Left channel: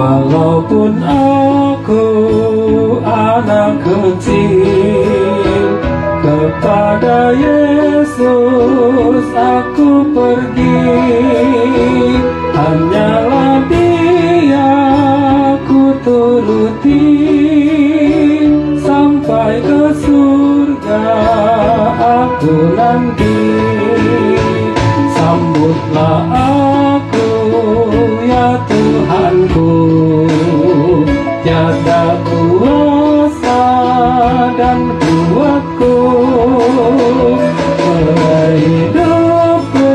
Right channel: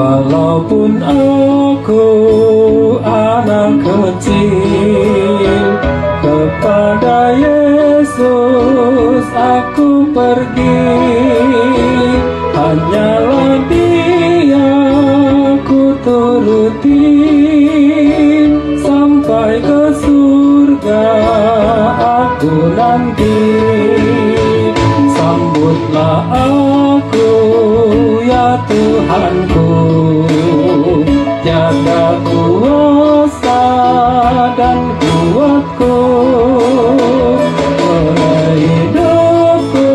Walaupun aku anak kecil, kepada Yesus aku pergi. Hanyalah Dia ku turuti, sampai ke surga aku nanti. Sambutlah aku ya Tuhanku, jaga kuasa dan kuatku, hidupku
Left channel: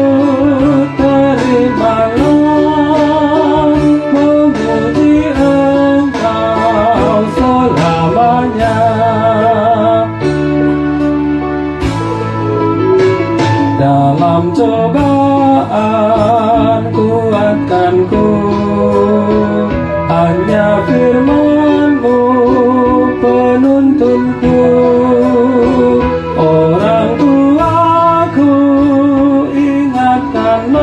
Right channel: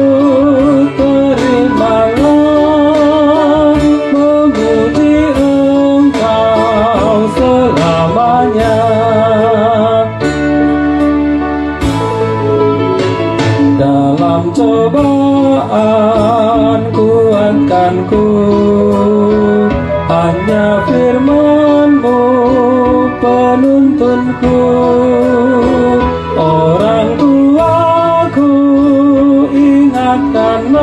terimalah, memuji Engkau selamanya. Dalam cobaan kuatkanku, hanya firman-Mu penuntunku. Orang tuaku ingatkanlah,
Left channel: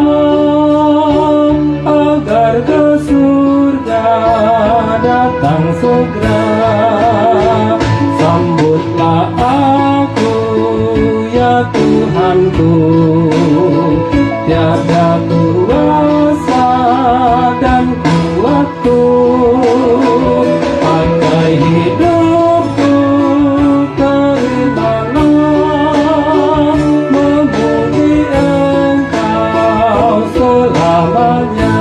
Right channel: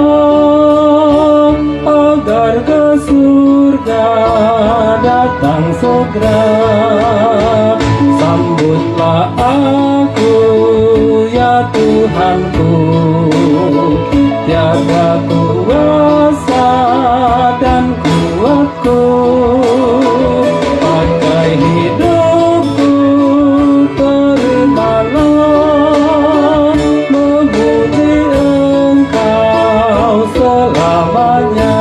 agar ke surga datang segera. Sambutlah aku ya Tuhanku, jaga kuasa dan kuatku, pakai hidupku terimalah, memuji Engkau selamanya.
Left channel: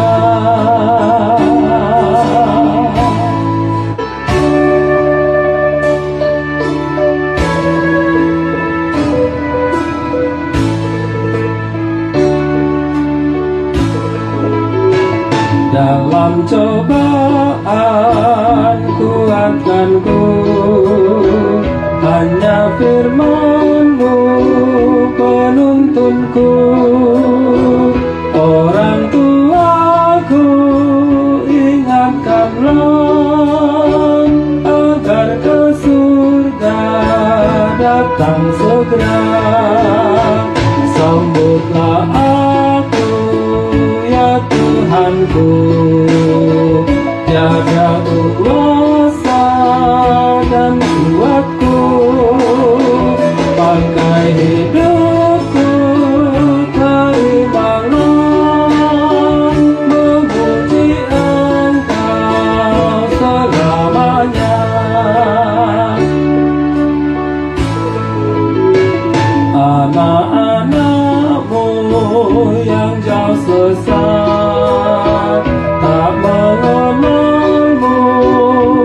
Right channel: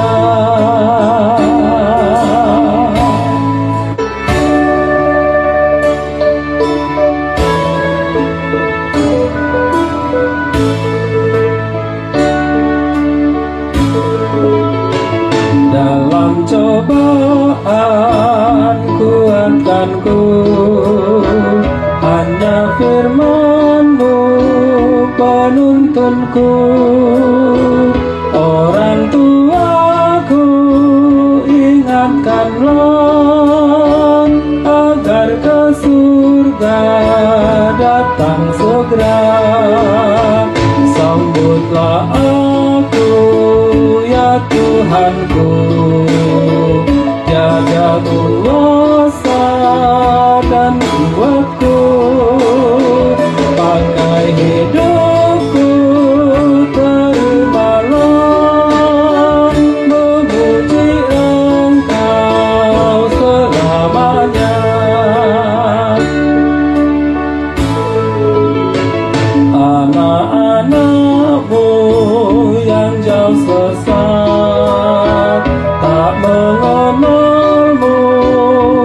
Dalam cobaan kuatkanku, hanya firman-Mu penuntunku. Orang tuaku ingatkanlah, agar ke surga datang segera. Sambutlah aku ya Tuhanku, jaga kuasa dan kuatku, pakai hidupku terimalah, memuji Engkau selamanya. Anak-anak-Mu yang jauh sesat, tak mengenal-Mu,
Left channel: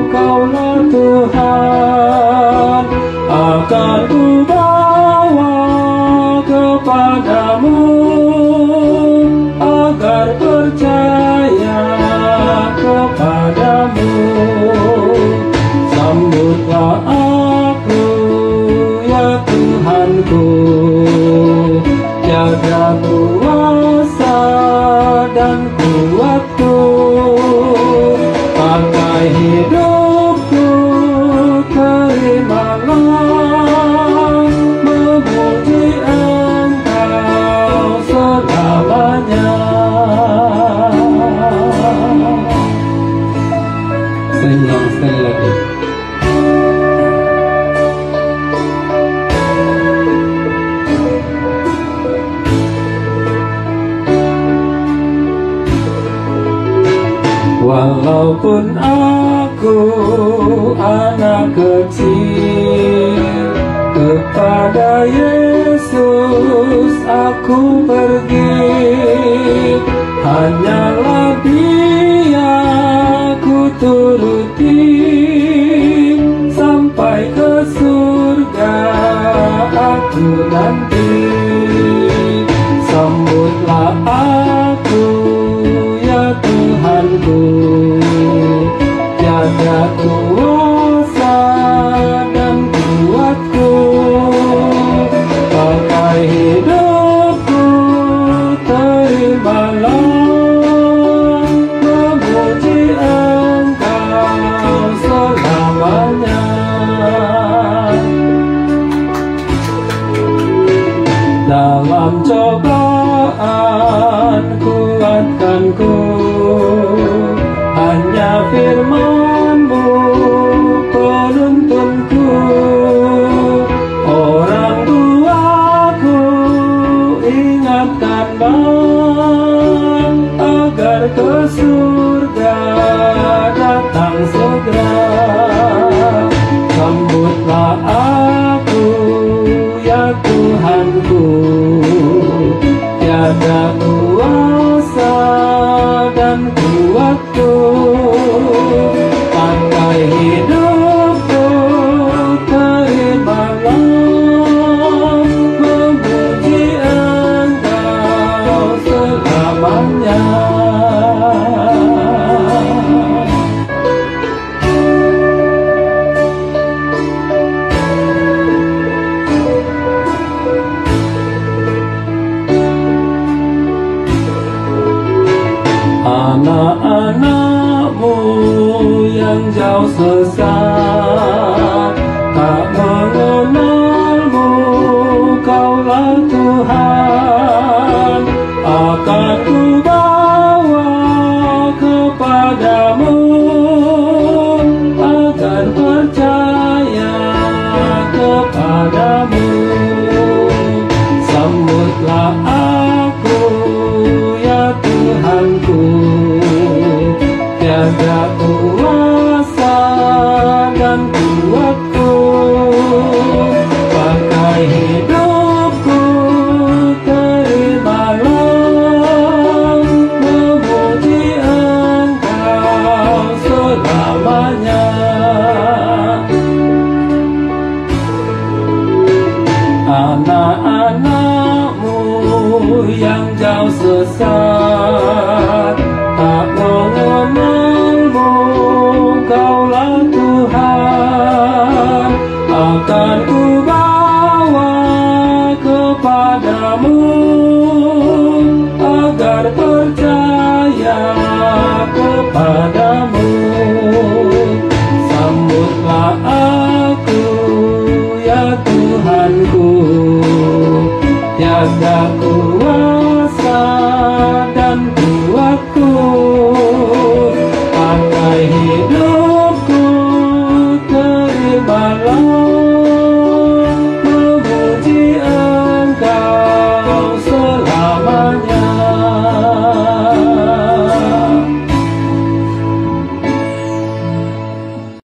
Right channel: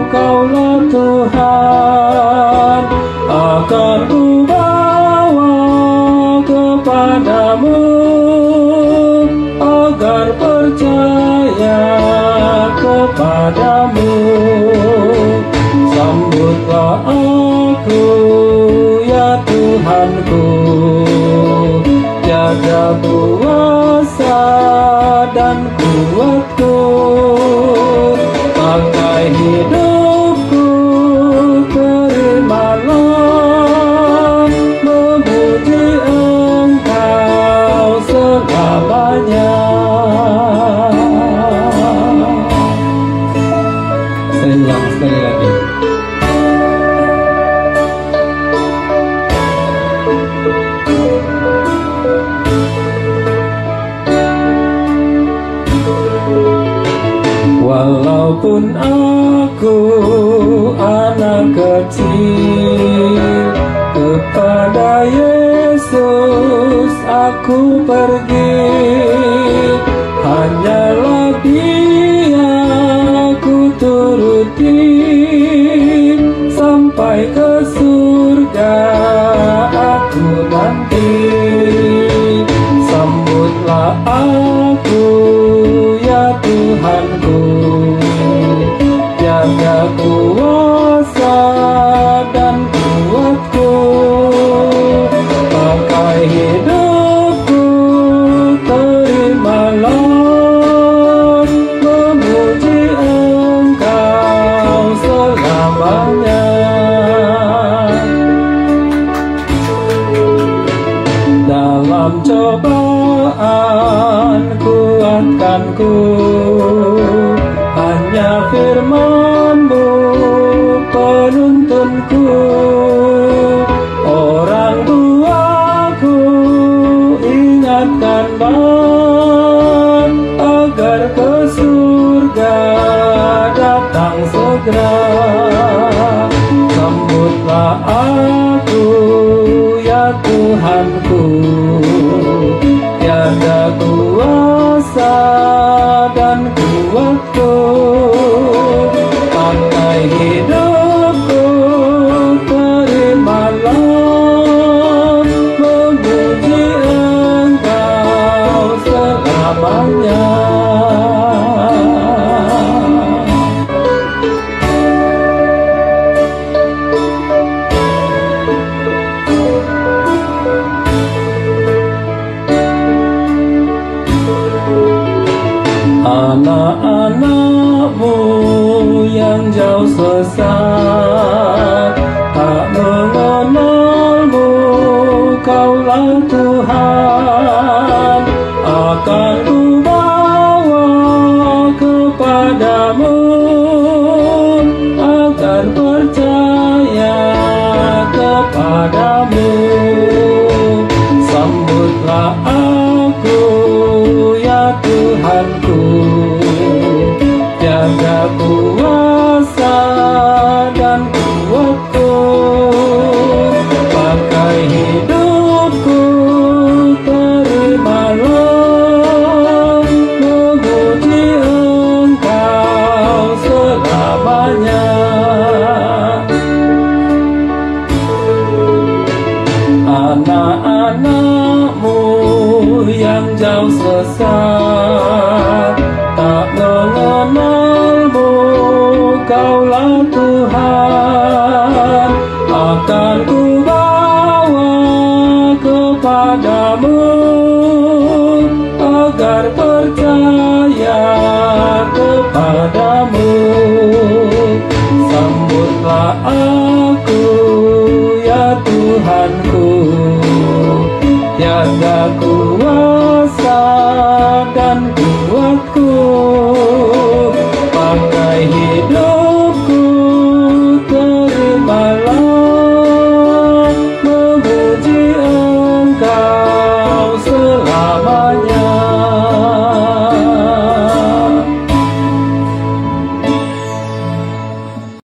Kaulah Tuhan, akan ku bawa kepadamu, agar percaya kepadamu. Sambutlah aku ya Tuhanku, jaga kuasa dan kuatku, pakai hidupku terimalah, memuji Engkau selamanya. Saya ulang sekali lagi. Walaupun aku anak kecil, kepada Yesus aku pergi. Hanyalah Dia ku turuti, sampai ke surga aku nanti. Sambutlah aku ya Tuhanku, jaga kuasa dan kuatku, pakai hidupku terimalah, memuji Engkau selamanya. Dalam cobaan kuatkanku, hanya ke surga datang segera. Sambutlah aku ya Tuhanku, tiada kuasa dan kuatku, pakai hidupku terimalah, memuji Engkau selamanya. Anak-anakmu yang jauh sesat, tak mengenalmu, Kaulah Tuhan, akan kubawa kepadamu, agar percaya kepadamu. Sambutlah aku ya Tuhanku, tiada kuasa dan kuatku, pakai hidupku terimalah, memuji Engkau selamanya. Anak-anakmu yang jauh sesat, tak mengenalmu, Kaulah Tuhan, akan kubawa kepadamu, agar percaya kepadamu. Sambutlah aku ya Tuhanku, tiada kuasa dan kuatku,